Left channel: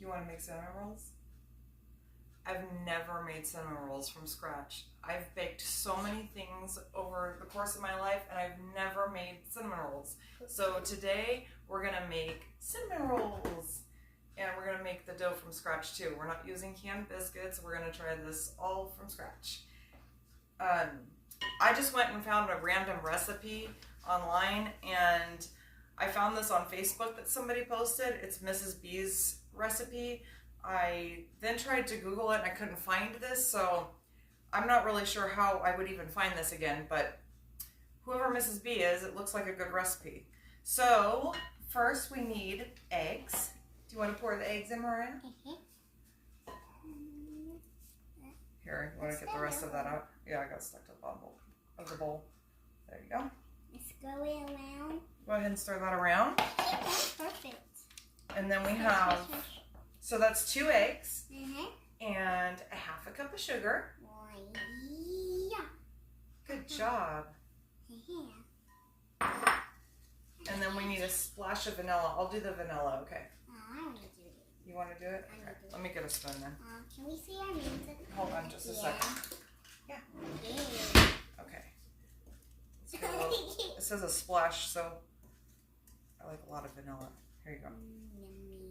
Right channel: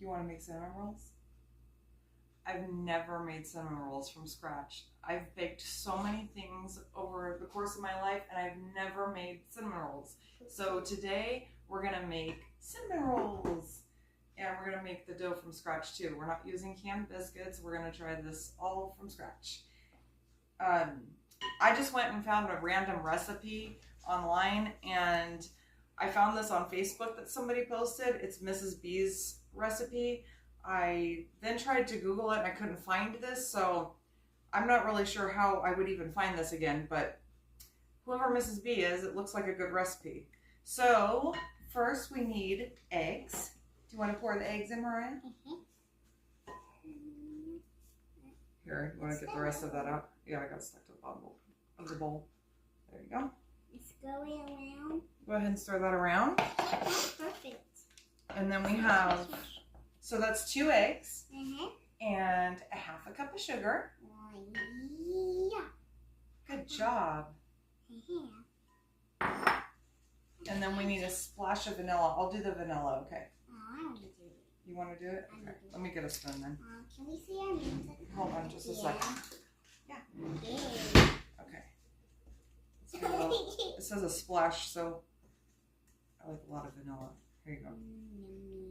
You want to make cinnamon rolls? I've never made cinnamon rolls from scratch. I've baked so many things over the course of my life, and I've never made cinnamon rolls. So today we're gonna make cinnamon rolls, and we're gonna make the dough from scratch too. We're not using canned biscuits. We're gonna try this all from scratch. I just went and found a random recipe online, and I found this on Facebook that somebody posted. It's Mrs. B's recipe. I then tried to Google it and I couldn't find this, so I'm not really sure how I would even find this again, but whoever Mrs. B is, it looks like a good recipe. So first we need eggs. Do you want to pour the eggs in, Maria? Here, you want to get the rest of that out? Yeah, I got stuck to the bottom of the bowl. There you go. It's going around. Go ahead and stir that around. That's perfect. And then we have, so that's 2 eggs and a half a cup of sugar. Yeah. Good job. And then we need a splash of vanilla. I'll do the vanilla, okay? I want to do it. You want to do it? Okay, let me get a spoon then. Can we see our names? Hold on just a second. Yeah. Yeah. Okay. It says a splash, so I like a lot of vanilla. Here you go.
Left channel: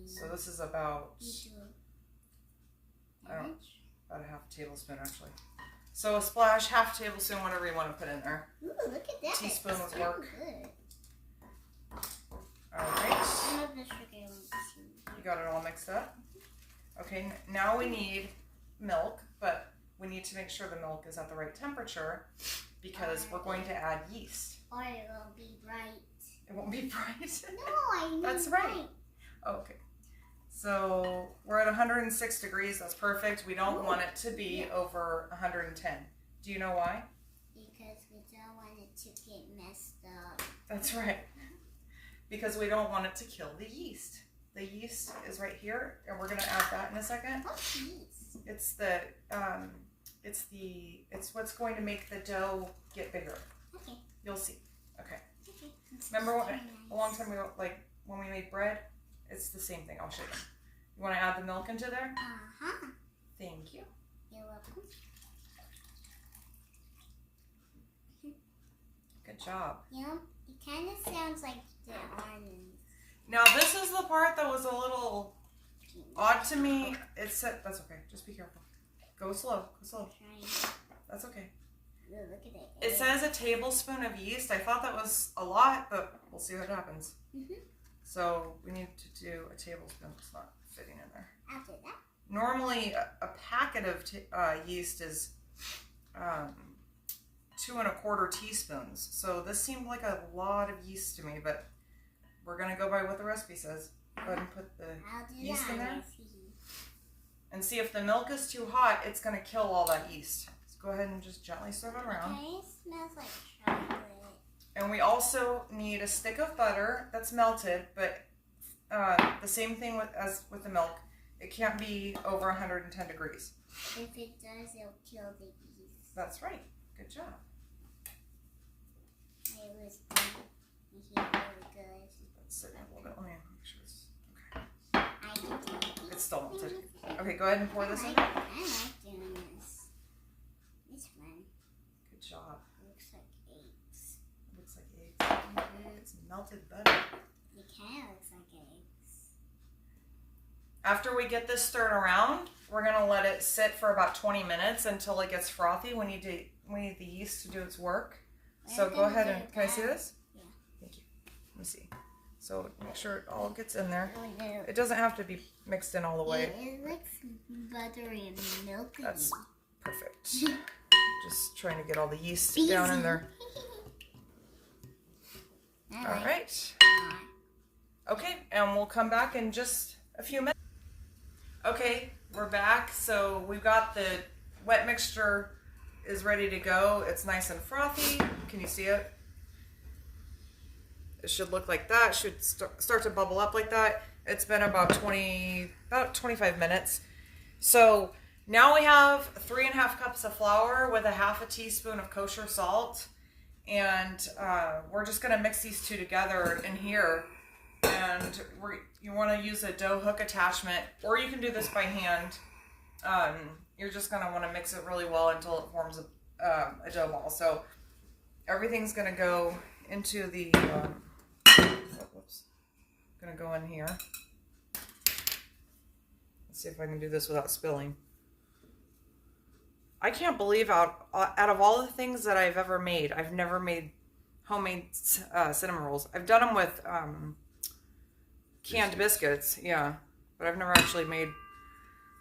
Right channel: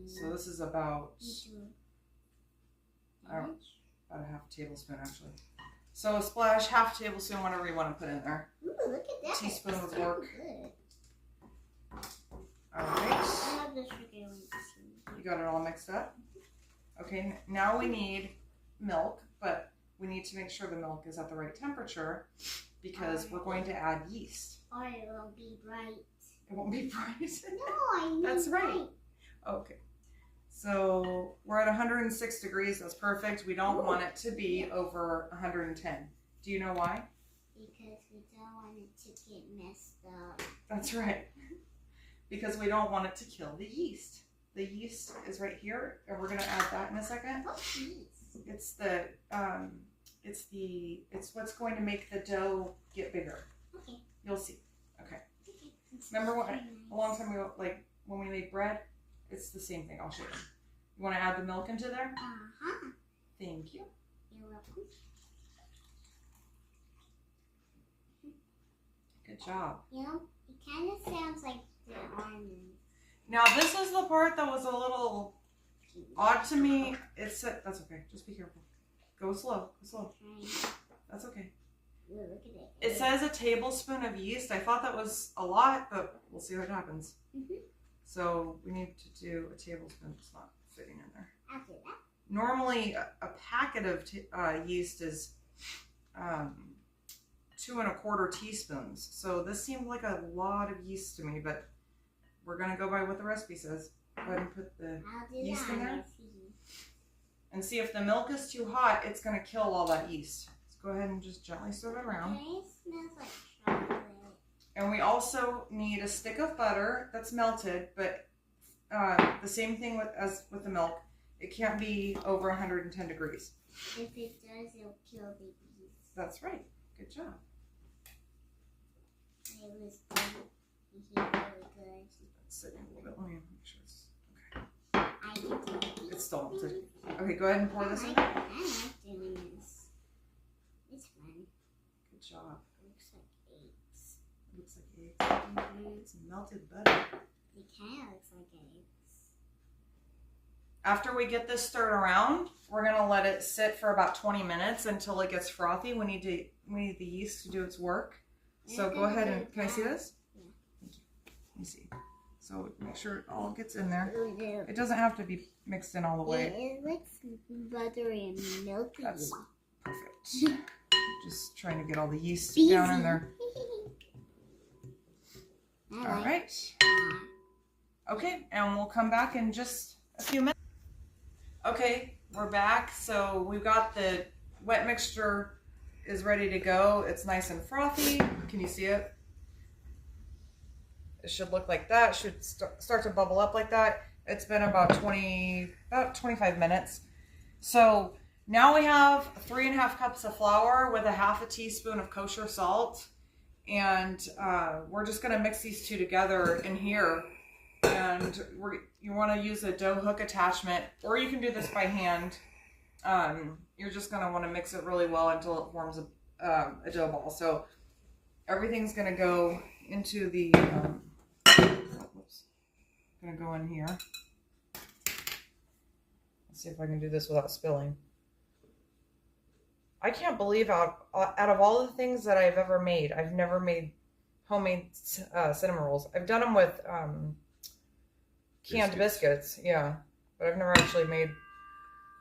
So this is about a half tablespoon actually. So a splash, half tablespoon, whatever you want to put in there. Ooh, look at that. Teaspoon would work. Good. All right. You got it all mixed up? Okay, now we need milk, but we need to make sure the milk is at the right temperature because we're going to add yeast. Or it won't be bright. It won't be bright? No, I mean That's right. Okay. So we're at 106 degrees. That's perfect. We don't want it to be over 110. Do you know why? Because we don't want it to get messed up. That's right. Because we don't want it to kill the yeast. The yeast is right here, and we're going to add that in a second. What's yeast? It's what's going to make the dough get bigger. Okay. You'll see. Okay. Okay. Remember a long time ago, like when we made bread? It's the same thing. I'll show you. You want to add the milk into there? Thank you. You're welcome. Good job. You know, it kind of sounds like the almonds. Now this is the part that was a little odd to me. It said, that's okay. Just be careful. Go slow. Go slow. That's okay. Ooh, look at it. It says a tablespoon of yeast. I thought that was a lot, but we'll see what happens. So we need to do a tablespoon. It's not fitting in there. After that. Normally a packet of yeast is 2 1/4 teaspoons. So this seemed like a lot of yeast to me, but we're gonna go by what the recipe says. Go ahead and put the yeast in there. And see if the milk is too hot, it's gonna kill all that yeast. So go ahead and just gently stir it around. Okay, it smells like chocolate. And we also need a stick of butter that's melted, but the same thing as with the milk. It can't be over 110 degrees. If it does, it'll kill the yeast. That's right. Good job. It was really good. Let's sit a little bit. Let me make sure it's okay. I can do it. It's still melted. Okay, go ahead and pour this in. I like doing this. It's fun. Good job. It looks like eggs. It looks like eggs. It's melted butter. It kind of looks like eggs. After we get this stirred around, we're gonna let it sit for about 20 minutes until it gets frothy. We need the yeast to do its work. So go ahead and, can I see this? Yeah. Thank you. Let me see. So make sure it all gets in there. It doesn't have to be mixed in all the way. Yeah, it looks buttery and milky. That's perfect. Just trying to get all the yeast down in there. All right. Okay, and we'll come back in just a few minutes. Okay, we're back. So we've got the wet mixture is ready to go. It's nice and frothy. Can you see it? It should look like that. It should start to bubble up like that. It's been about 25 minutes. So now we have 3½ cups of flour with a ½ teaspoon of kosher salt. And we're just gonna mix these two together in here. And you want to use a dough hook attachment, or you can do this by hand. You're just going to want to mix it really well until it forms a dough ball. So everything's going to go into the, going to go in here. Let's see if I can do this without spilling. I can't believe out of all the things that I've ever made, I've never made homemade cinnamon rolls. I've done them with canned biscuits, yeah, but I've never actually made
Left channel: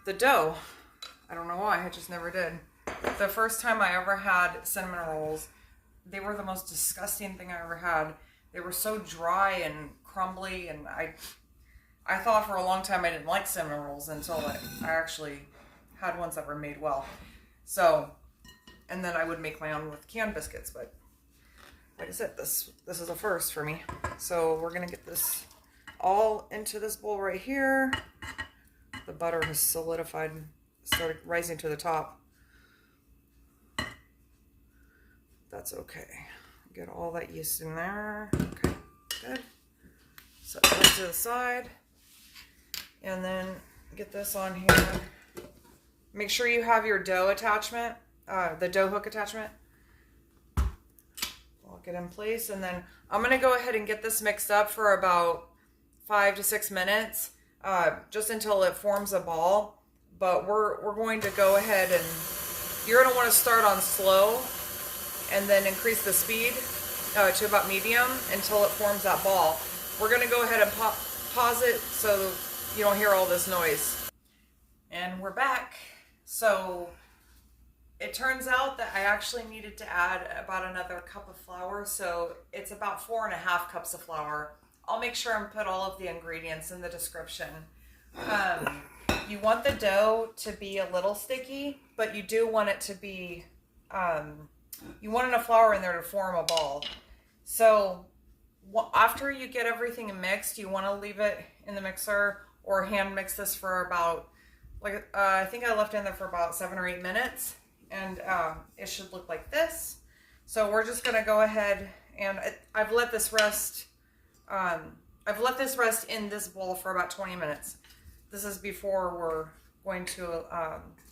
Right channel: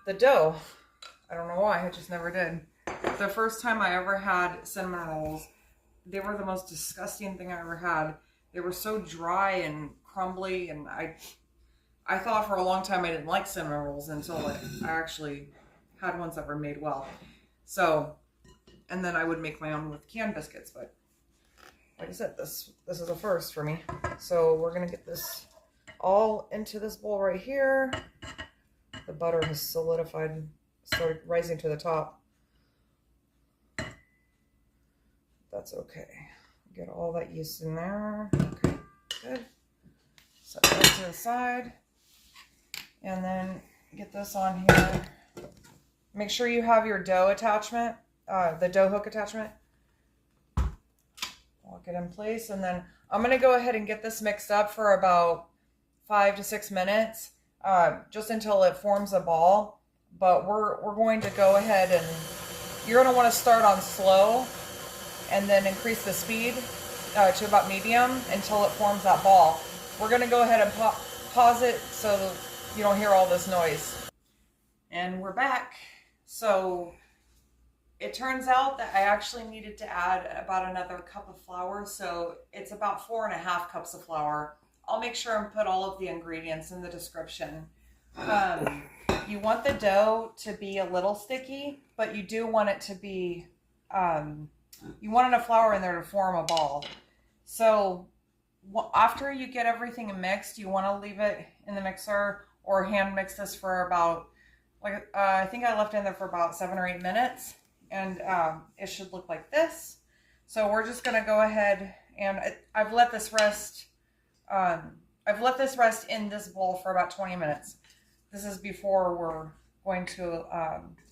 the dough. I don't know why, I just never did. The first time I ever had cinnamon rolls, they were the most disgusting thing I ever had. They were so dry and crumbly, and I thought for a long time I didn't like cinnamon rolls until I actually had ones that were made well. So, and then I would make my own with canned biscuits, but like I said, this is a first for me. So we're gonna get this all into this bowl right here. The butter has solidified, started rising to the top. That's okay. Get all that yeast in there. Okay, good. Set that to the side. And then get this on here. Make sure you have your dough attachment, the dough hook attachment. I'll get in place, and then I'm going to go ahead and get this mixed up for about 5 to 6 minutes, just until it forms a ball. But we're going to go ahead and you're going to want to start on slow and then increase the speed to about medium until it forms that ball. We're going to go ahead and pause it so you don't hear all this noise. And we're back. So it turns out that I actually needed to add about another cup of flour. So it's about 4.5 cups of flour. I'll make sure and put all of the ingredients in the description. You want the dough to be a little sticky, but you do want it to be, you want enough flour in there to form a ball. So after you get everything mixed, you want to leave it in the mixer or hand mix this for about, I think I left it in there for about 7 or 8 minutes, and it should look like this. So we're just going to go ahead, and I've let this rest. I've let this rest in this bowl for about 20 minutes. This is before we're going to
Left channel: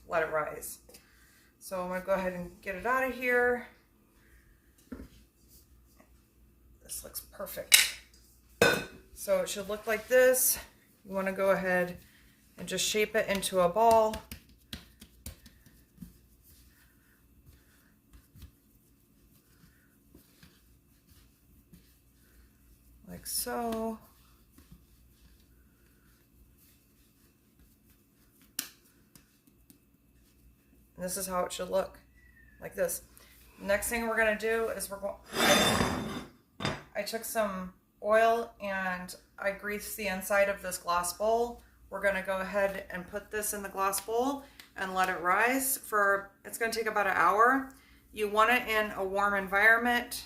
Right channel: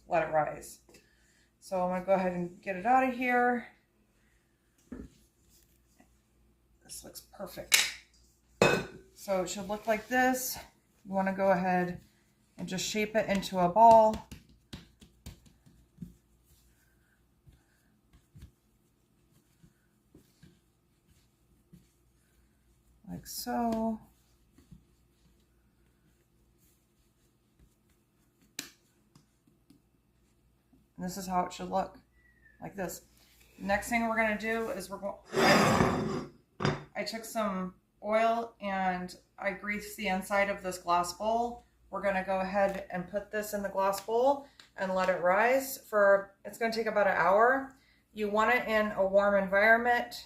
let it rise. So I'm going to go ahead and get it out of here. This looks perfect. So it should look like this. You want to go ahead and just shape it into a ball. Like so. And this is how it should look, like this. Next thing we're going to do is I took some oil and I greased the inside of this glass bowl. We're going to go ahead and put this in the glass bowl and let it rise for, it's going to take about an hour. You want it in a warm environment.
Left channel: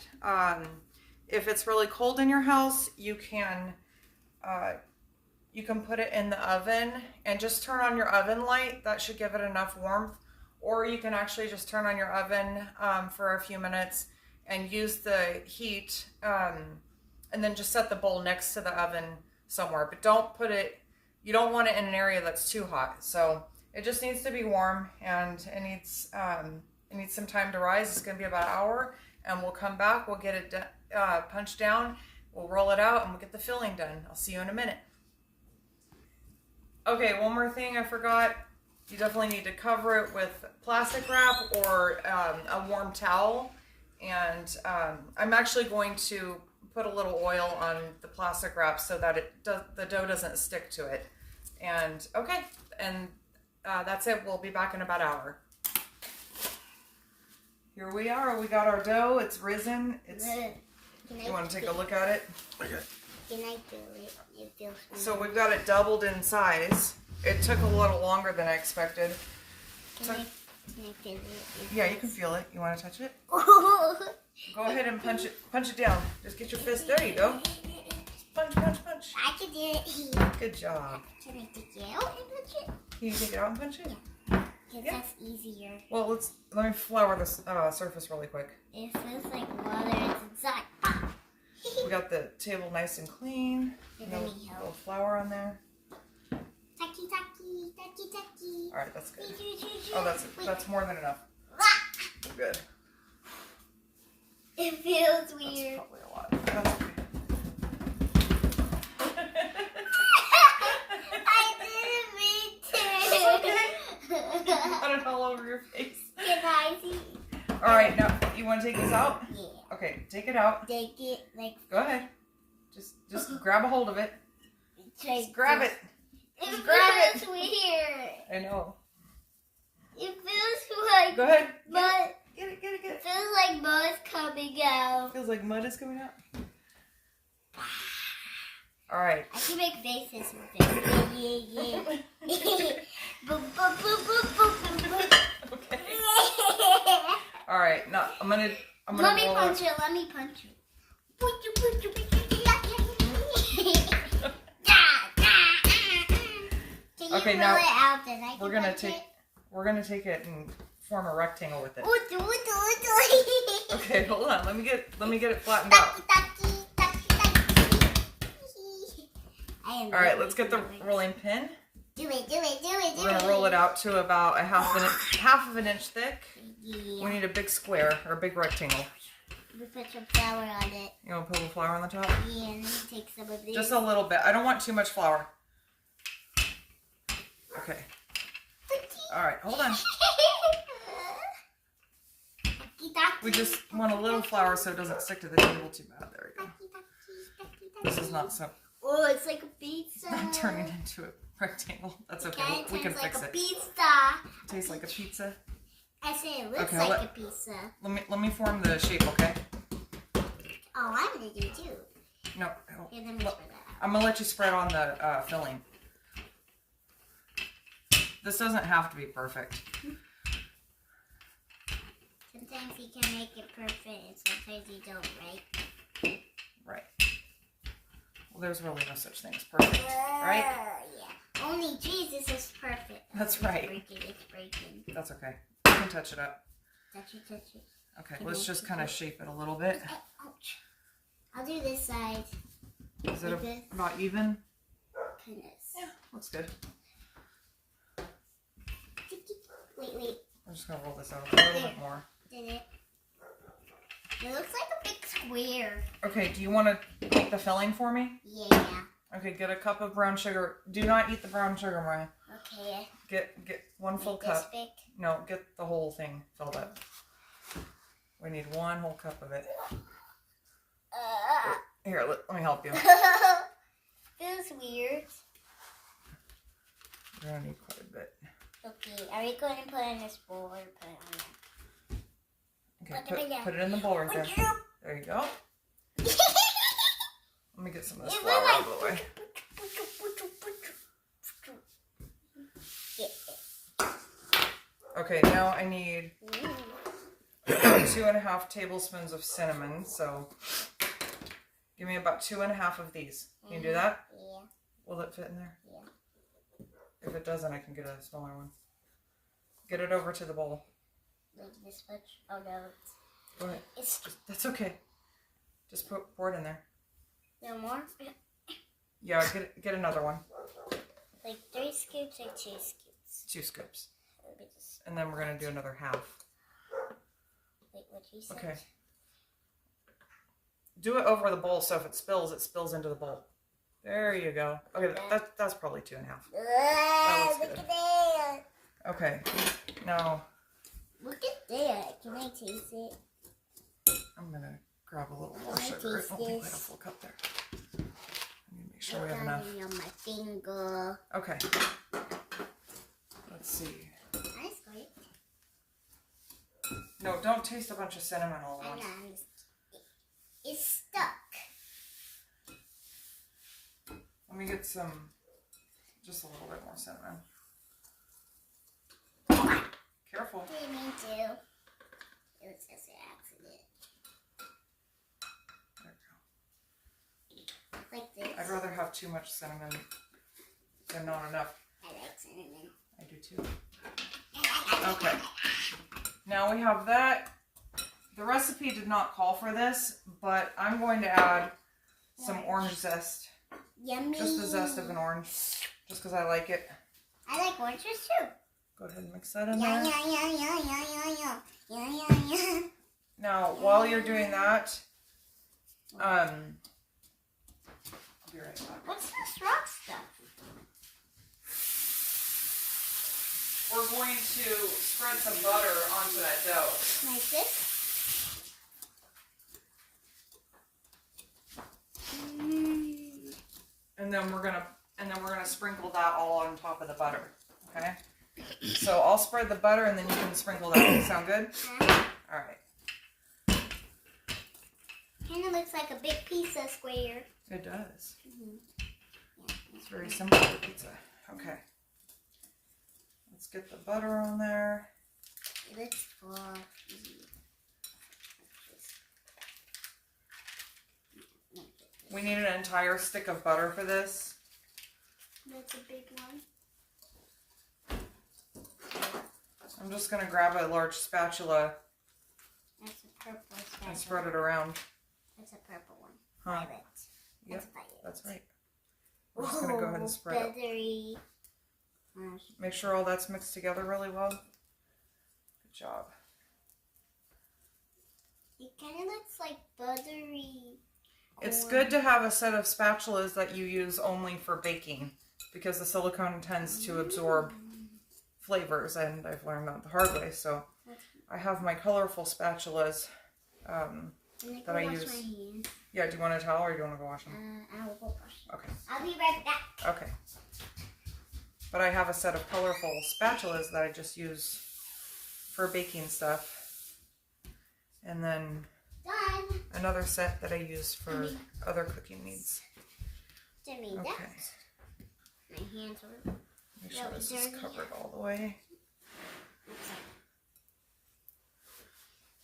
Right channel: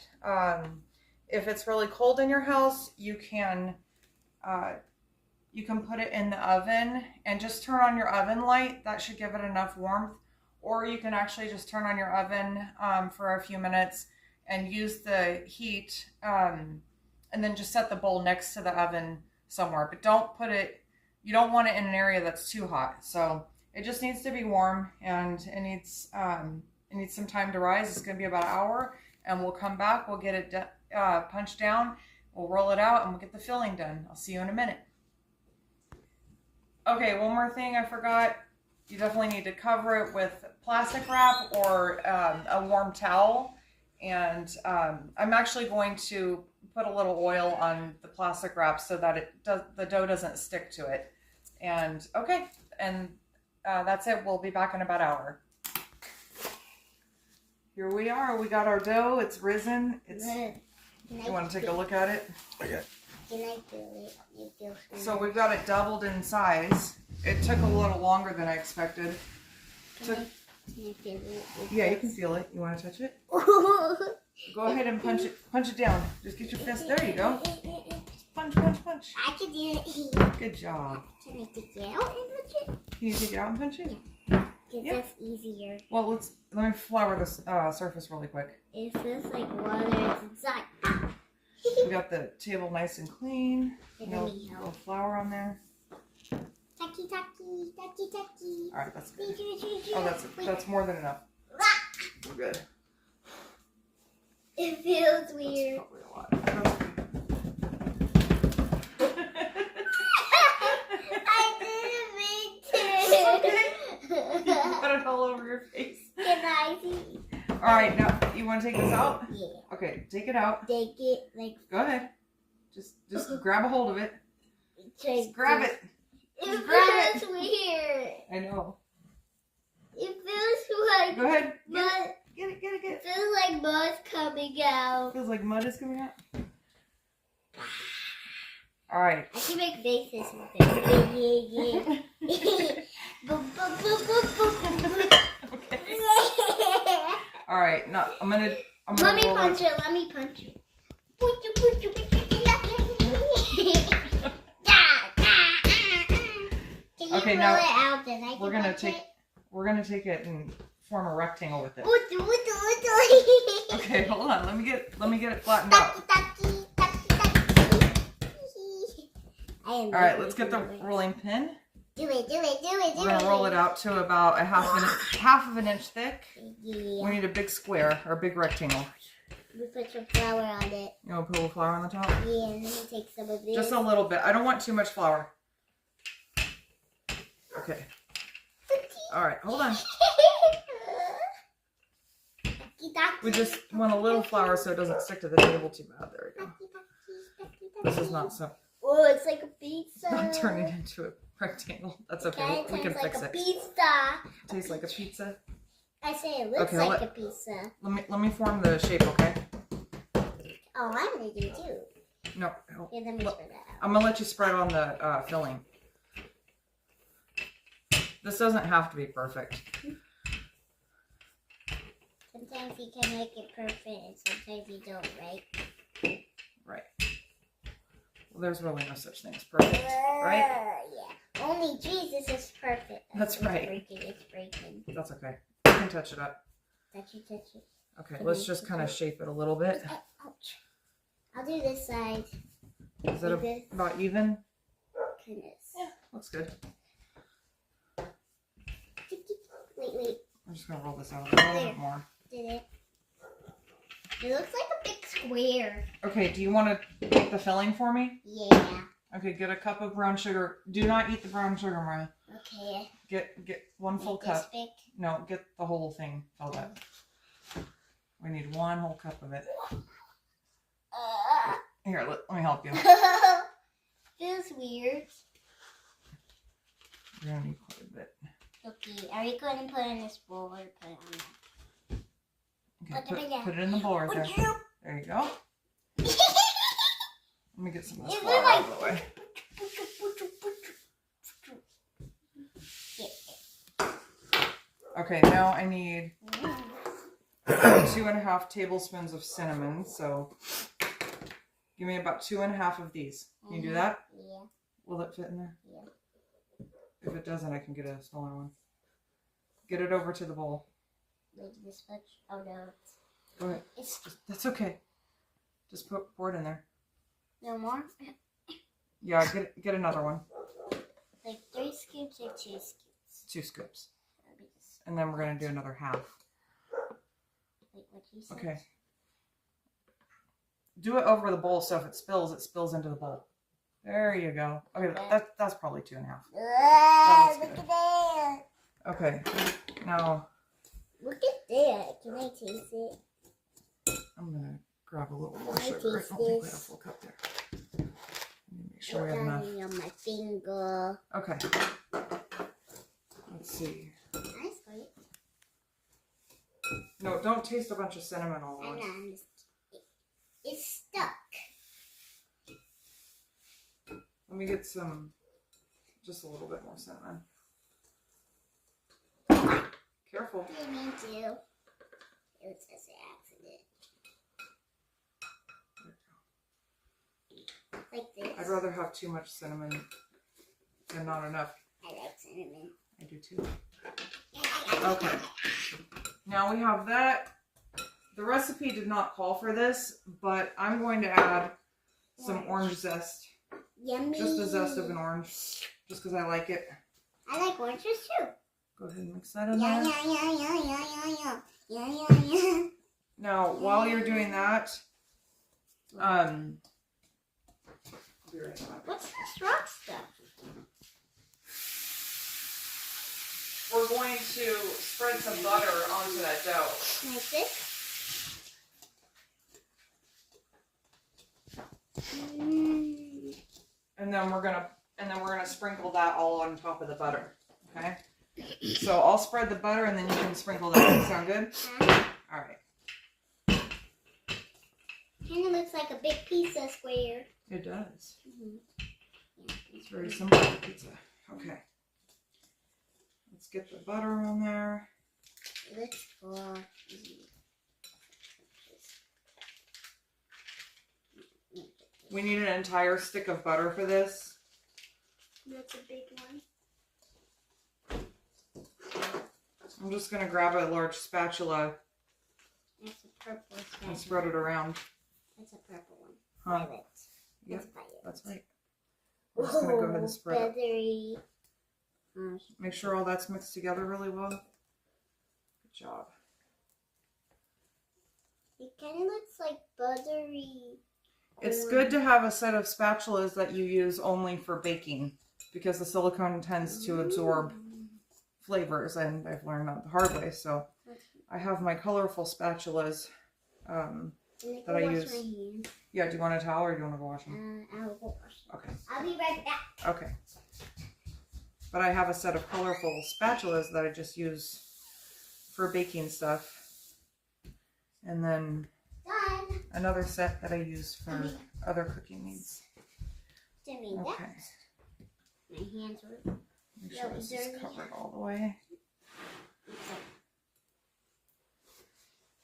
If it's really cold in your house, you can put it in the oven and just turn on your oven light. That should give it enough warmth. Or you can actually just turn on your oven for a few minutes and use the heat, and then just set the bowl next to the oven somewhere. But don't put it, you don't want it in an area that's too hot. So it just needs to be warm, and it needs some time to rise. It's going to be about an hour, and we'll come back. We'll get it punched down. We'll roll it out, and we'll get the filling done. I'll see you in a minute. Okay, one more thing I forgot. You definitely need to cover it with plastic wrap or a warm towel. And I'm actually going to put a little oil on the plastic wrap so that the dough doesn't stick to it. And okay, and that's it. We'll be back in about an hour. Here we are. We got our dough. It's risen. You want to take a look at it? Okay. Can I do it? It feels So we've got it doubled in size. It took a little longer than I expected. Can I feel it? Yeah, you can feel it. You want to touch it? Go ahead and punch it down. Just get your fist. There you go. Just punch. I can do it. Good job. Can I take it out and punch it? Can you take it out and punch it? Because Yeah. that's easier. Well, let me flour this surface really quick. It feels like water is inside. We got the table nice and clean. Give No me help. little flour on there. Taki, taki, taki, taki. All right, that's good. Oh, that's more than enough. We're good. It feels That's weird. probably a lot. That's okay. I didn't mean to. You got it all over your face. Can I see? All right, now you want to take this out? Yeah. Okay, take it out. Take it like. Go ahead. Just grab a hold of it. Just grab it. It grab feels weird. I know. It feels like Go ahead. mud. Get it. It feels like mud's coming out. Feels like mud is coming out. All right. I can make faces with it. Yeah. Boom, boom, boom, boom, boom, boom, boom. Okay. All right. Now I'm gonna Let me roll punch it. it. Let me punch it. Can you Okay, roll now it out? Then I can We're gonna punch take it? we're gonna take it and form a rectangle with it. Okay. Okay, hold on. Let me get it flattened out. All right, let's get the rolling pin. Do it. We're gonna roll it out to about a half of an inch thick. Yeah. We need a big square or a big rectangle. We put some flour on it. You want to put a little flour on the top? Yeah, and then we take some of this. Just a little bit. I don't want too much flour. Okay. All right, hold on. We just want a little flour so it doesn't stick to the table too bad. There we go. This is not so. Oh, it's like a pizza. Not turning into a rectangle. That's okay. It We can tastes like fix a it. pizza. Tastes like a pizza. I say it looks Okay, like a pizza. Let me form the shape, okay? Oh, I'm gonna do it too. No, Okay, then we spread that out. I'm gonna let you spread on the filling. This doesn't have to be perfect. Sometimes you can make it perfect, and sometimes you don't, right? Right. Well, there's really no such thing as perfect, right? Yeah. Only Jesus is perfect. That's It's right. It's breaking. That's okay. You can touch it up. Touch it. Okay, let's just kind of shape it a little bit. Ouch. I'll do this side. Is it Like this. about even? Goodness. Yeah, looks good. Wait. I'm just gonna roll this out a little bit more. Did it? It looks like a big square. Okay, do you want to make the filling for me? Yeah. Okay, get a cup of brown sugar. Do not eat the brown sugar, Mariah. Okay. Get one full This cup. big. No, get the whole thing filled up. We need one whole cup of it. Here, let me help you. Feels weird. We're gonna need quite a bit. Okay, are you going to put it in this bowl or put it on that? Okay, put it in the bowl right there. There you go. Let me get some of this It flour looks out of the way. Okay, now I need 2.5 tablespoons of cinnamon. So give me about 2.5 of these. Can you do that? Yeah. Will it fit in there? Yeah. If it doesn't, I can get a smaller one. Get it over to the bowl. Like this much? Oh no. Go ahead. It's That's okay. Just pour it in there. no more? Yeah, get another one. Like 3 scoops or 2 scoops? 2 scoops. Let me just, And then we're going to do another half. like what you said. Okay. Do it over the bowl so if it spills into the bowl. There you go. Okay, that's probably 2.5. That's Look good. at that. Okay, now Look at that. Can I taste it? I'm going to grab a little more Can I sugar. I taste don't think we have a this? full cup there. Let me make sure we have I got enough. it on my finger. Okay. Let's see. Nice, great. No, don't taste a bunch of cinnamon all at I once. know. It's stuck. Let me get just a little bit more cinnamon. Careful. Didn't mean to. It was just an accident. There we Like this. go. I'd rather have too much cinnamon than not enough. I like cinnamon. I do too. Okay. Now we have that. The recipe did not call for this, but I'm going to add some orange zest. Yummy. Just the zest of an orange. Just because I like it. I like oranges too. Go ahead and mix that in Yeah, there. yeah, yeah, yeah, yeah, yeah, yeah, yeah, yeah. Now, while you're doing that, I'll be right back. What's this rock stuff? We're going to spread some butter onto that dough. Like this? And then we're gonna sprinkle that all on top of the butter. Okay? So I'll spread the butter and then you can sprinkle that. Sound good? Alright. Kind of looks like a big pizza square. It does. Mm-hmm. It's very simple to pizza. Okay. Let's get the butter on there. It looks fluffy. We need an entire stick of butter for this. That's a big one. I'm just going to grab a large spatula That's a purple spatula. and spread it around. That's a purple one. Huh. Violet. Yep, That's violet. that's right. I'm just going to go ahead and spread it. Feathery. Make sure all that's mixed together really well. Good job. It kind of looks like buttery. It's corn. good to have a set of spatulas that you use only for baking because the silicone tends to absorb flavors, and I've learned that the hard way. So I have my colorful spatulas that I use. My hands. Yeah, do you want a towel or do you want to go wash them? I will go wash them. Okay. I'll be right back. Okay. But I have a set of colorful spatulas that I just use for baking stuff. And then Done. another set that I use for other cooking needs. Jimmy, Okay. that's my hands are. Make sure this is covered all the way.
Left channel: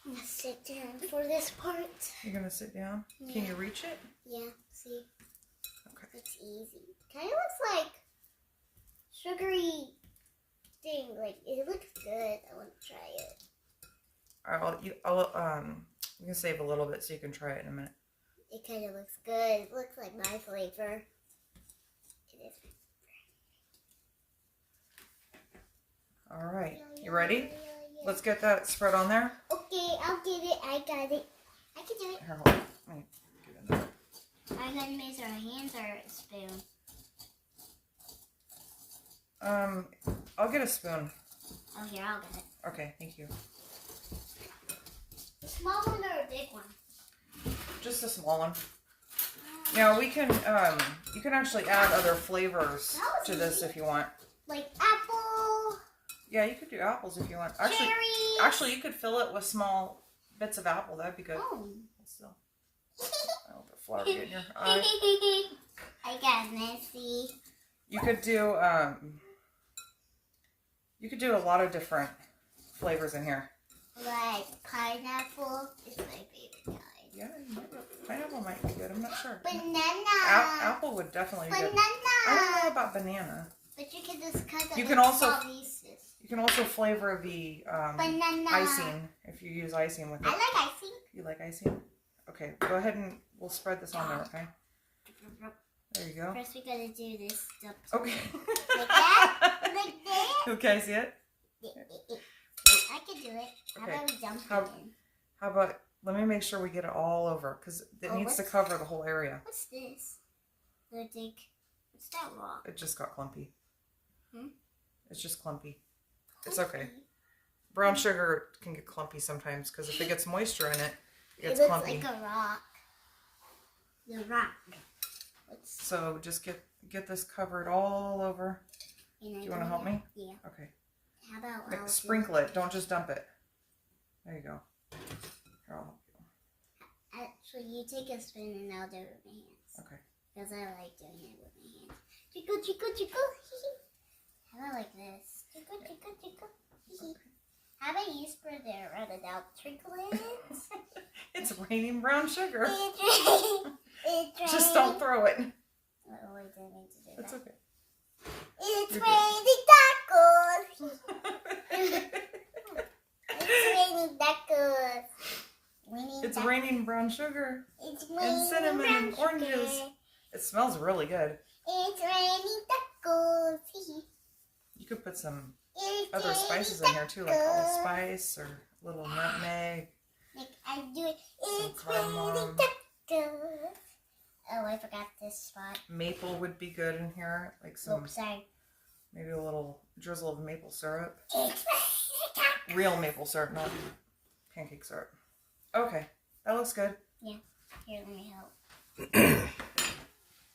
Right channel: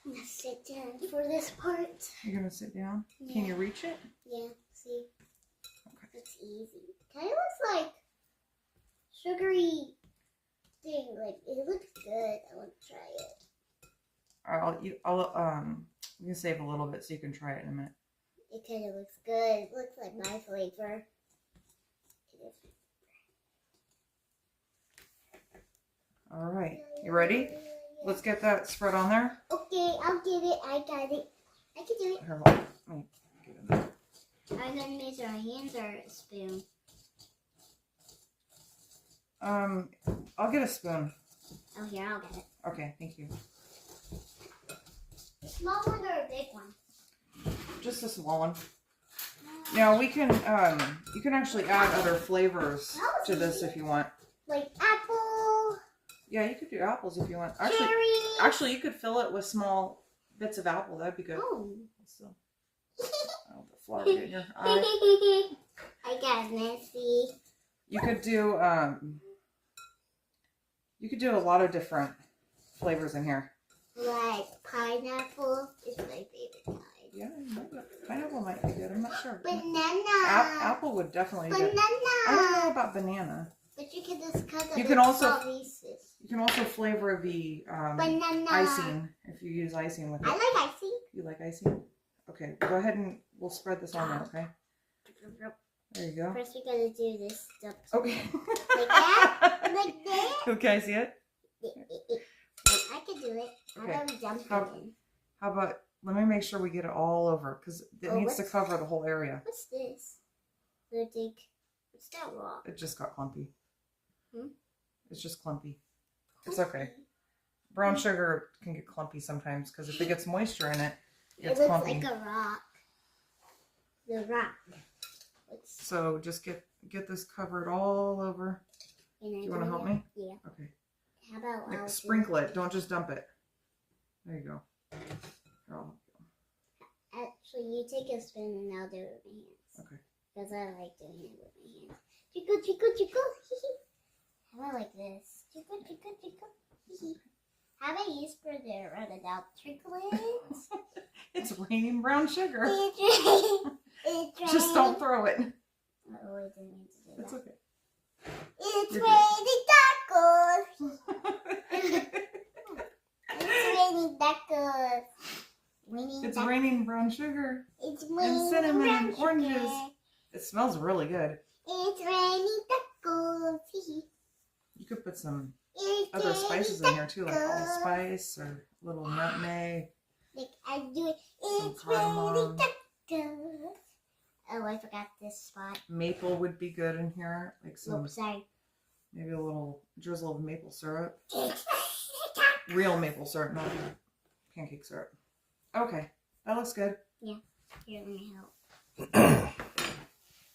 I'm gonna sit down for this part. You're going to sit down? Yeah. Can you reach it? Yeah, see? Okay. It's easy. Kind of looks like sugary thing. Like, it looks good. I want to try it. You can save a little bit so you can try it in a minute. It kind of looks good. It looks like my flavor. It is. All right. You ready? Let's get that spread on there. Okay, I'll get it. I got it. I can do it. Here, hold on. Let me get in there. I'm going to measure our hands or a spoon. I'll get a spoon. Oh, here, I'll get it. Okay, thank you. A small one or a big one? Just a small one. Now we can, you can actually add other flavors to this if you want. Like apple. Yeah, you could do apples if you want. Cherries. Actually, you could fill it with small bits of apple. That'd be good. Oh. Still, I don't put flour in your eye. I got messy. You could do a lot of different flavors in here. Like pineapple is my favorite kind. Yeah, pineapple might be good. I'm not sure. Banana. Apple would definitely be Banana. good. I don't know about banana. But you can just cut You it can with also- small pieces. You can also flavor the Banana. icing if you use icing with it. I like icing. You like icing? Okay, go ahead and we'll spread this on there, okay? There you go. First we gotta do this stuff. Okay. Like that? Like that? Okay, I see it? I can do it. How Okay. about we jump How- in? How about, let me make sure we get it all over because it needs to what's- cover the whole area. What's this? What's that rock? It just got clumpy. Hmm? It's just clumpy. It's okay. Brown sugar can get clumpy sometimes because if it gets moisture in it, it It gets looks clumpy. like a rock. The rock. So just get this covered all over. Do you want to help me? Yeah. Okay. How about I'll Sprinkle it. Don't just dump it. There you go. Here, I'll help you. Actually, you take a spoon and I'll do it with my hands. Okay. Because I like doing it with my hands. Chico, chico, chico. How about like this? Chico, chico, chico. How about you spread it around it out? Trinkles. It's raining brown sugar. It's raining. Just don't throw it. Oh, I didn't mean to do It's that. okay. It's You're raining tacos. It's raining tacos. It's raining brown sugar. It's It's and raining cinnamon and brown oranges. sugar. It smells really good. It's raining tacos. You could put some It's other raining spices in here too, like tacos. allspice or a little nutmeg. Like I do it. It's Some raining cardamom. tacos. Oh, I forgot this spot. Maple would be good in here, like some Oops, sorry. maybe a little drizzle of maple syrup. It's Real maple syrup, not pancake syrup. Okay, that looks good. Yeah, here, let me help.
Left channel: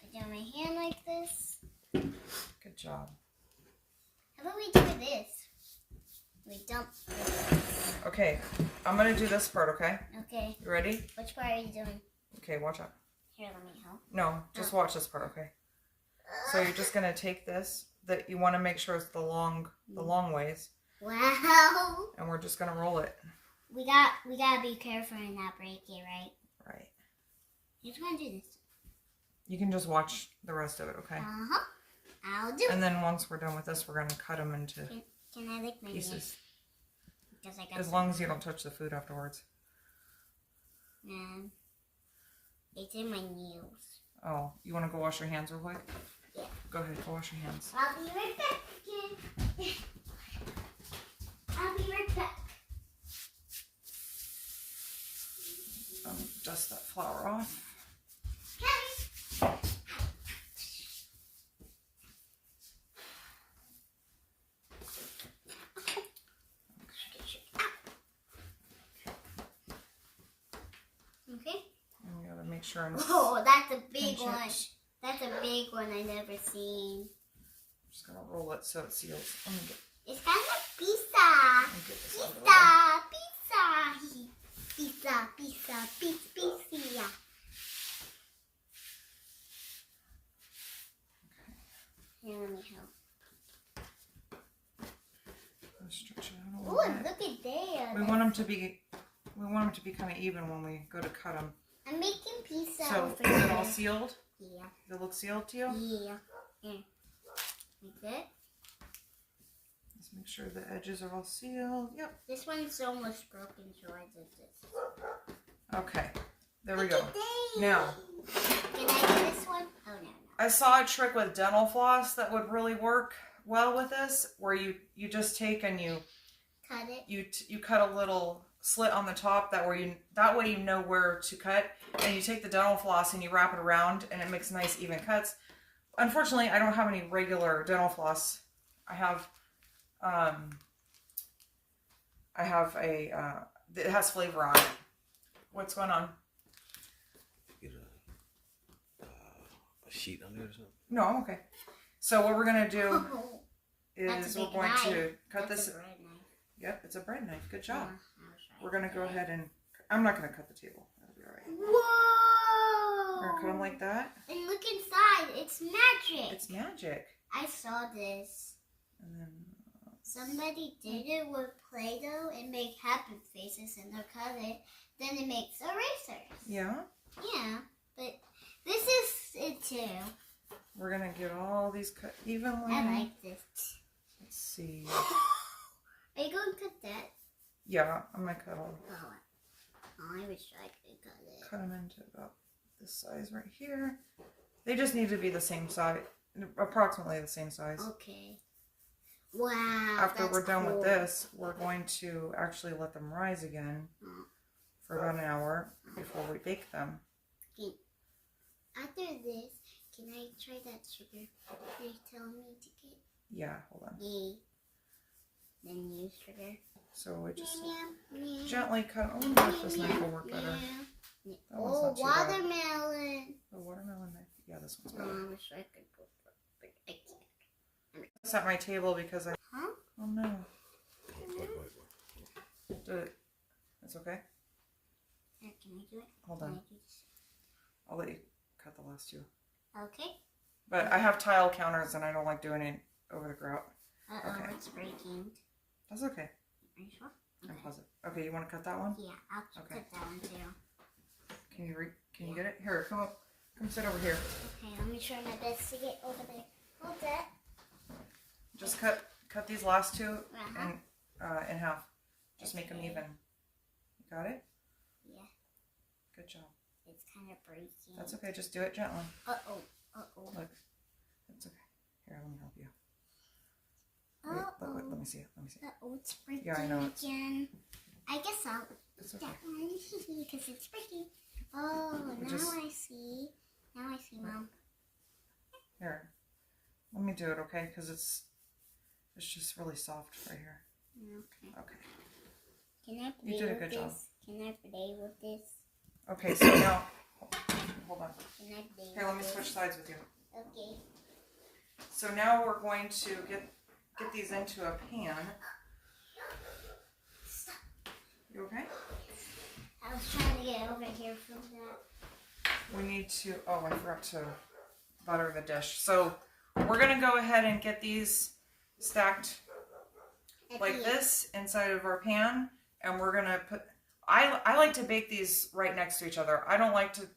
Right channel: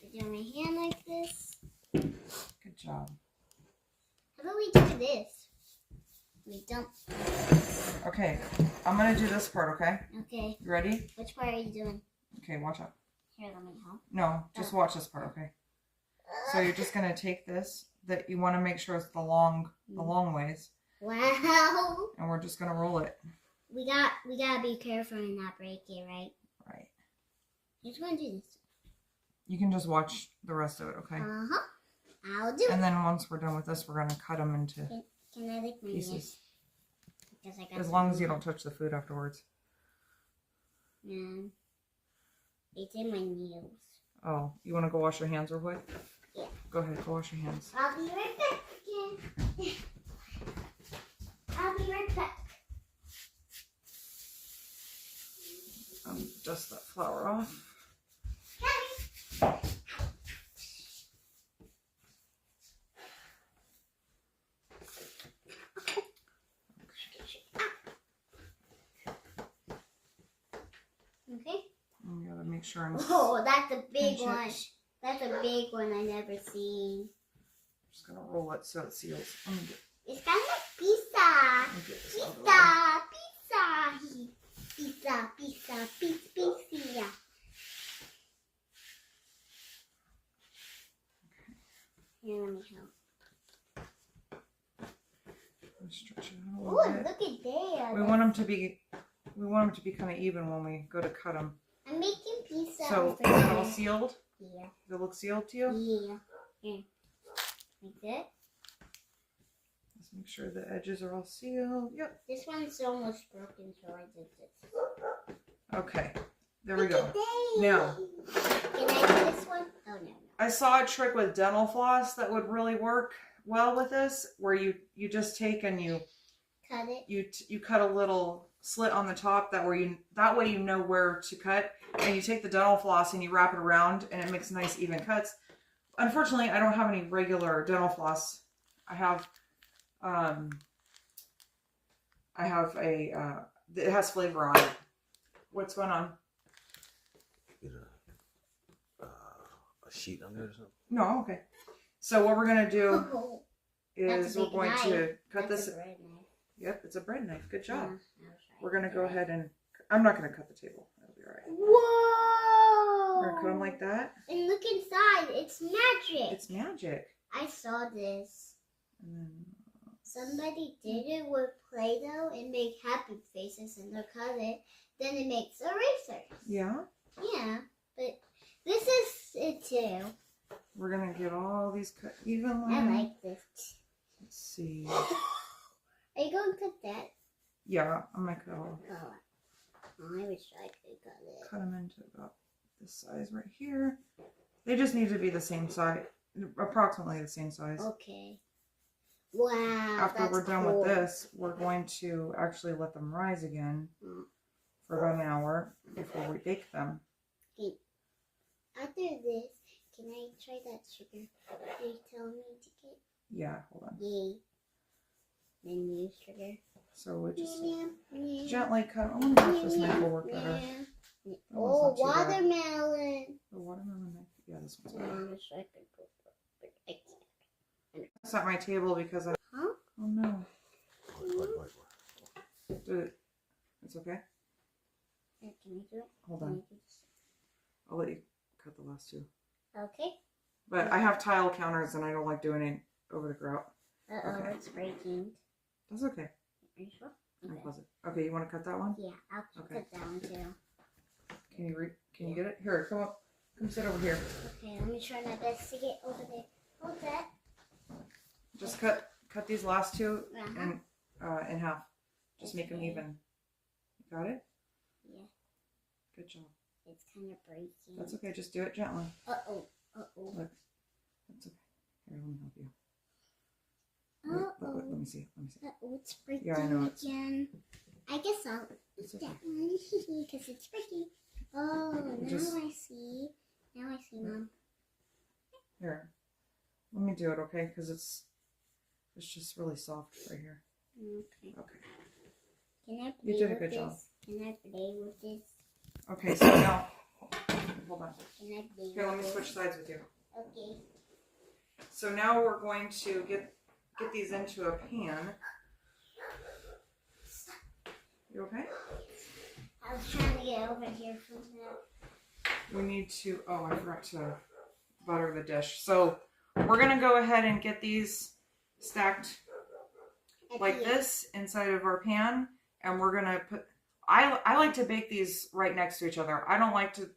Put down my hand like this. Good job. How about we do this? We dump this. Okay, I'm gonna do this part, okay? Okay, You ready? which part are you doing? Okay, watch out. Here, let me help. No, just watch this part, okay? So you're just gonna take this, that you wanna make sure it's the long ways, Wow. and we're just gonna roll it. We gotta be careful and not break it, right? Right. Who's gonna do this? You can just watch the rest of it, okay? Uh-huh. I'll do it. And then once we're done with this, we're gonna cut them into Can I lick my nails? pieces. Because I got As long as you don't touch the food afterwards. It's in my nails. Oh, you wanna go wash your hands real quick? Yeah. Go ahead, go wash your hands. I'll be right back again. I'll be right back. Dust that flour off. Okay. Okay. You gotta make sure I'm Oh, that's a big pinch one. it. That's a big one I never seen. Just gonna roll it so it seals. Let me It's kind of like pizza. get this out of the way. Pizza. Pizza. Here, let me help. Let's stretch it out a Oh, little look bit. at there. We want them to be kind of even when we go to cut them. I'm making pizza. So over is it all here. sealed? Yeah. Does it look sealed to you? Yeah. Here. Like that. Let's make sure the edges are all sealed. Yep. This one's almost broken, so I did this. Okay. There we Look go. at that. Now, Can I do this one? Oh, no. I saw a trick with dental floss that would really work well with this, where you just take and you Cut it. you cut a little slit on the top that way you know where to cut, and you take the dental floss and you wrap it around, and it makes nice even cuts. Unfortunately, I don't have any regular dental floss. I have a it has flavor on it. What's going on? Get a sheet under it or something. No, I'm okay. So what we're gonna do Oh, is we're going to cut that's this. a bread knife. Yep, it's a bread knife. Good job. I was right. We're gonna go ahead and I'm not gonna cut the table. That'll be all right. Whoa! We're gonna cut them like that. And look inside. It's magic. It's magic. I saw this. And then Somebody did it with Play-Doh and make happy faces and they'll cut it. Then it makes erasers. yeah, Yeah, but this is it too. we're gonna get all these cut evenly. I like this. Let's see. Are you going to cut that? Yeah, I'm gonna cut all. Oh, I wish I could cut it. Cut them into about this size right here. They just need to be the same size, approximately the same size. Okay. Wow. After that's we're done cool. with this, we're going to actually let them rise again for about an hour before we bake them. Okay. After this, can I try that sugar you're telling me to get? Yeah, hold on. Yay. Then use sugar. So we just Yeah. gently cut. Oh, no, this knife will work better. Yeah. That one's Oh, not too bad. watermelon. The watermelon knife. Yeah, this one's Oh, better. I wish I could put but I can't. It's at my table because I. Huh? Oh no. Wait. Do it. It's okay. Here, can you do it? Hold Can on. I do this? I'll let you cut the last two. Okay. But I have tile counters and I don't like doing it over the grout. Uh-oh, Okay. it's breaking. That's okay. Are you sure? I'll Okay. pause it. Okay, you want to cut that one? Yeah, I'll Okay. cut that one too. Can you get it? Here, come up. Come sit over here. Okay, let me try my best to get over there. Hold that. Just cut these last two Uh-huh. in half. Just make them Okay. even. You got it? Yeah. Good job. It's kind of breaking. That's okay. Just do it gently. Uh-oh. Uh-oh. Look. That's okay. Here, let me help you. Uh-oh. Look, let me see. Let me see. Uh-oh, it's breaking Yeah, I know again. I guess I'll It's eat okay. that one because it's breaking. Oh, now Just- I see. Now I see, Mom. Here. Let me do it, okay? Because it's just really soft right here. Okay. Okay. Can I play You did a with good this? job. Can I play with this? Okay, so now, hold on. Can I play Here, let with me this? switch sides with you. Okay. So now we're going to get these into a pan. You okay? I was trying to get over here from that. We need to, oh, I forgot to butter the dish. So we're going to go ahead and get these stacked At like the end. this inside of our pan. And we're going to put, I like to bake these right next to each other. I don't like to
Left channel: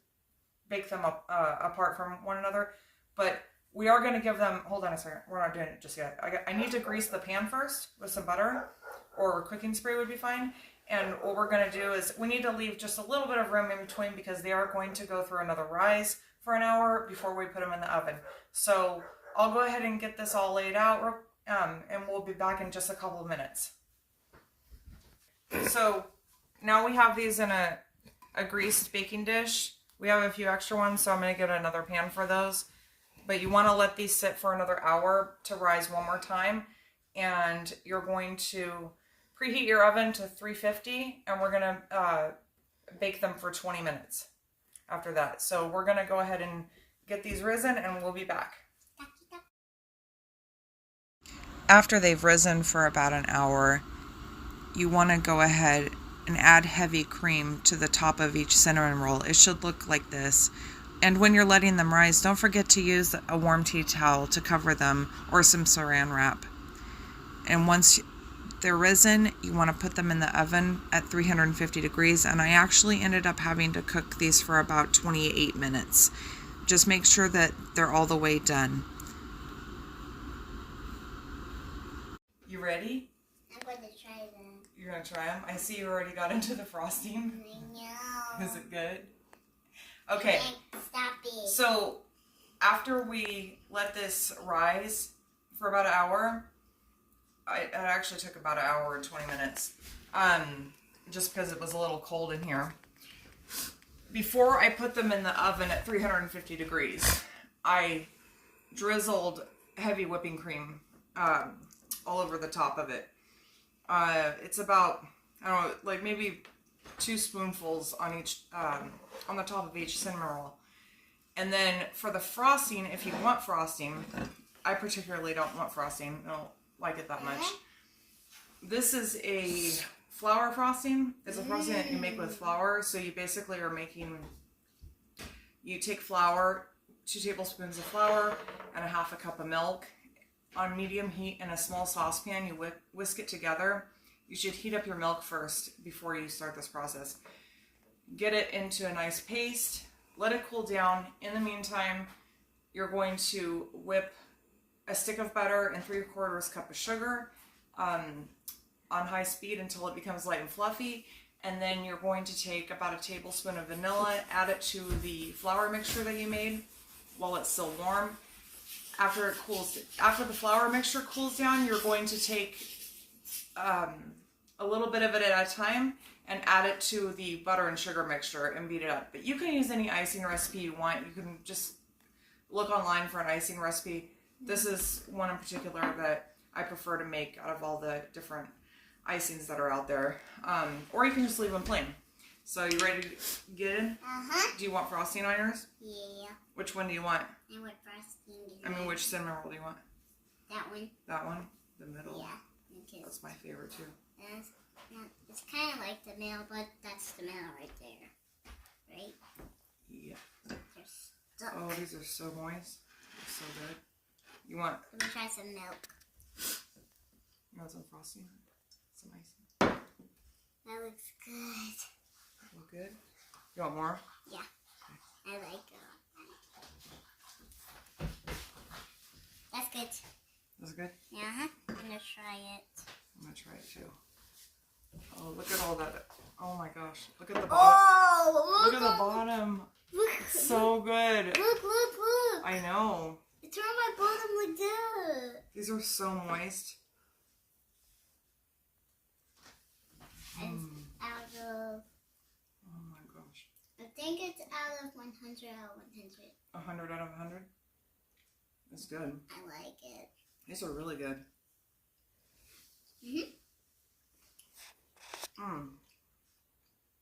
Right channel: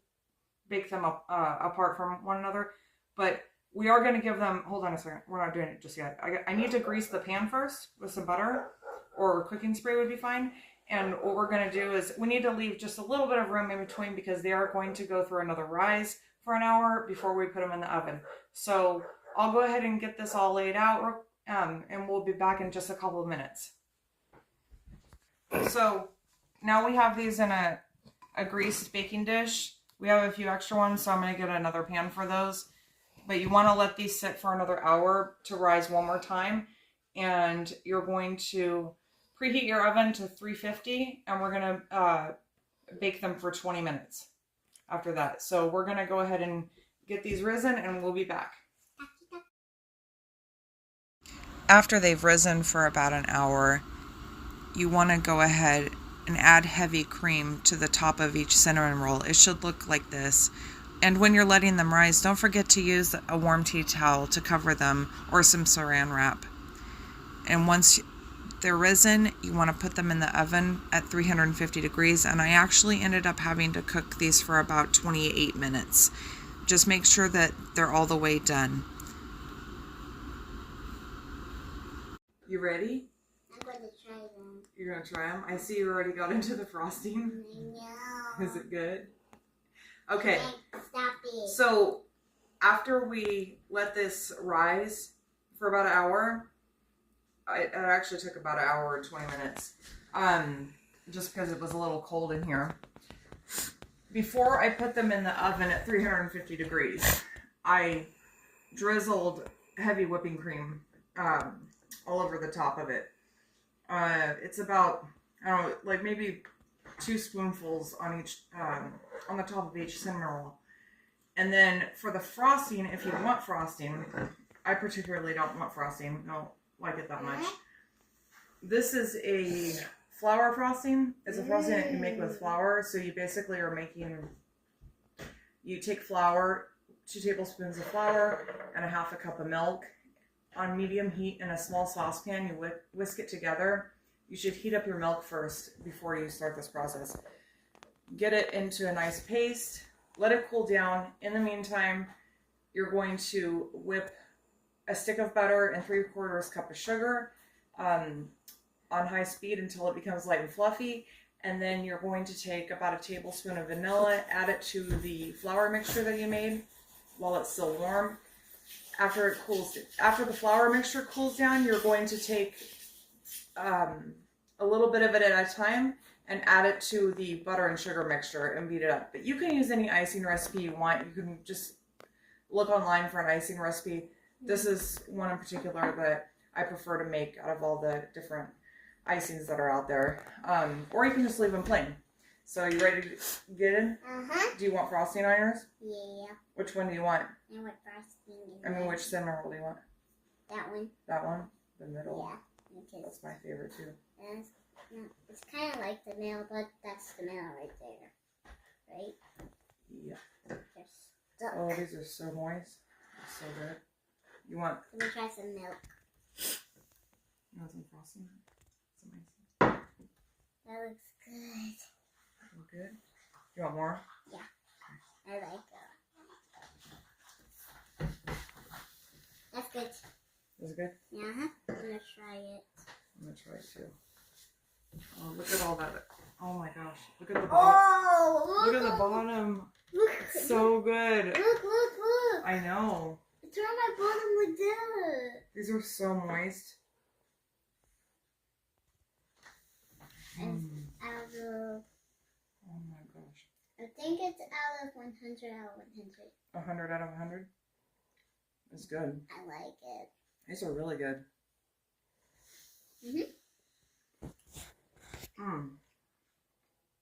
bake them up apart from one another. But we are going to give them, hold on a second. We're not doing it just yet. I need to grease the pan first with some butter, or cooking spray would be fine. And what we're going to do is we need to leave just a little bit of room in between because they are going to go through another rise for an hour before we put them in the oven. So I'll go ahead and get this all laid out, and we'll be back in just a couple of minutes. So now we have these in a greased baking dish. We have a few extra ones, so I'm going to get another pan for those. But you want to let these sit for another hour to rise one more time. And you're going to preheat your oven to 350, and we're going to bake them for 20 minutes after that. So we're going to go ahead and get these risen, and we'll be back. After they've risen for about an hour, you want to go ahead and add heavy cream to the top of each cinnamon roll. It should look like this. And when you're letting them rise, don't forget to use a warm tea towel to cover them, or some saran wrap. And once they're risen, you want to put them in the oven at 350 degrees. And I actually ended up having to cook these for about 28 minutes. Just make sure that they're all the way done. You ready? I'm going to try them. You're going to try them? I see you already got into the frosting. I know. Is it good? Okay. Stop it. So after we let this rise for about an hour, it actually took about an hour and 20 minutes, just because it was a little cold in here. Before I put them in the oven at 350 degrees, I drizzled heavy whipping cream all over the top of it. It's about, I don't know, like maybe 2 spoonfuls on each, on the top of each cinnamon roll. And then for the frosting, if you want frosting, I particularly don't want frosting. I don't like it that much. This is a flour frosting. It's a frosting that you make with flour. So you basically are making, you take flour, 2 tablespoons of flour, and a half a cup of milk. On medium heat in a small saucepan, you whisk it together. You should heat up your milk first before you start this process. Get it into a nice paste. Let it cool down. In the meantime, you're going to whip a stick of butter and 3/4 cup of sugar on high speed until it becomes light and fluffy. And then you're going to take about a tablespoon of vanilla, add it to the flour mixture that you made while it's still warm. After the flour mixture cools down, you're going to take a little bit of it at a time and add it to the butter and sugar mixture and beat it up. But you can use any icing recipe you want. You can just look online for an icing recipe. This is one in particular that I prefer to make out of all the different icings that are out there. Or you can just leave them plain. So you ready to get in? Uh-huh. Do you want frosting on yours? Yeah. Which one do you want? I want frosting. I mean, which cinnamon roll do you want? That one. That one? The middle? Yeah. Because That's my favorite too. it's kind of like the middle, but that's the middle right there. Right? Yeah. They're stuck. Oh, these are so moist. They're so good. You want Let me try some milk. some frosting? Some icing? That looks good. Look good? You want more? Yeah. I like it. That's good. Is it good? Yeah, I'm gonna try it. I'm gonna try it too. Oh, look at all that. Oh my gosh. Look at the bottom. Oh, Look at the bottom. Look. So good. Look. I know. It's on my bottom like that. These are so moist. It's out of... Oh my gosh. I think it's out of 100 out of 100. 100 out of 100? It's good. I like it. These are really good.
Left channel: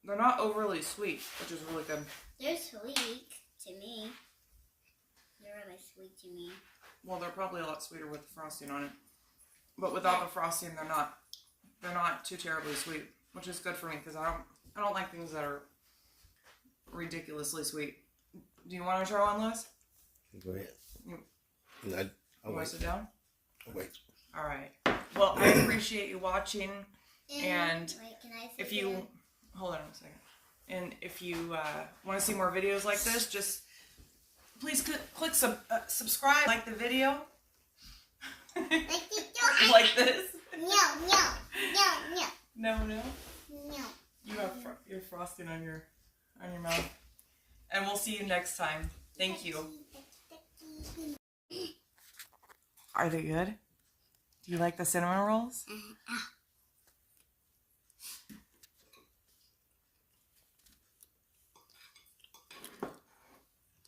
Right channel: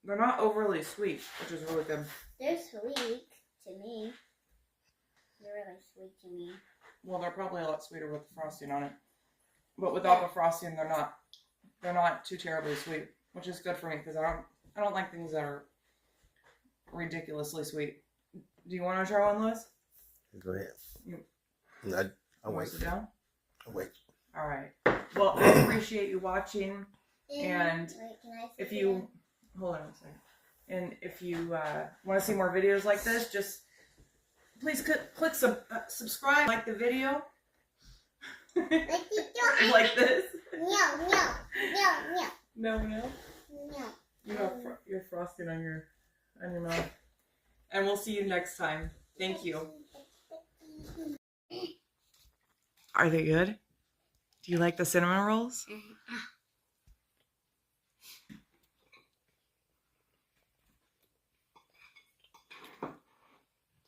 They're not overly sweet, which is really good. They're sweet to me. They're really sweet to me. Well, they're probably a lot sweeter with the frosting on it. But without the frosting, they're not too terribly sweet, which is good for me because I don't like things that are ridiculously sweet. Do you want to try one, Lewis? Go ahead. I'll Want wait. to sit down? I'll wait. All right. Well, I appreciate you watching. And wait, can I if you hold on a second, and if you want to see more videos like this, just please click subscribe, like the video, like this. No. You have your frosting on your mouth, and we'll see you next time. Thank you. Are they good? Do you like the cinnamon rolls?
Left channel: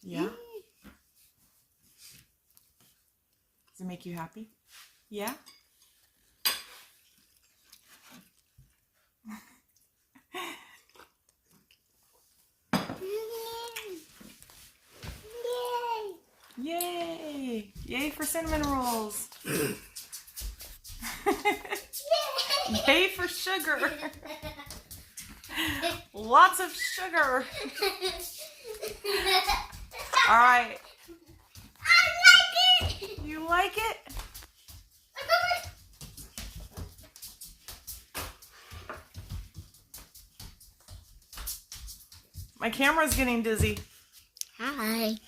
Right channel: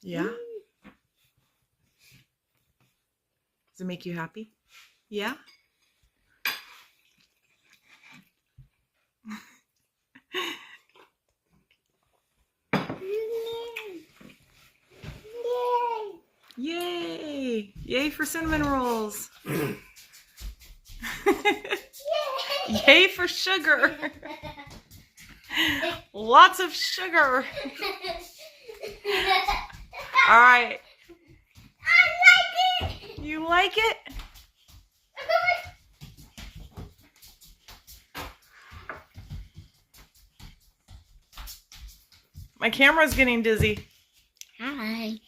Yeah? Does it make you happy? Yeah? Yay! Yay for cinnamon rolls! Yay for sugar! Lots of sugar! Alright. I like it! You like it? My camera's getting dizzy. Hi.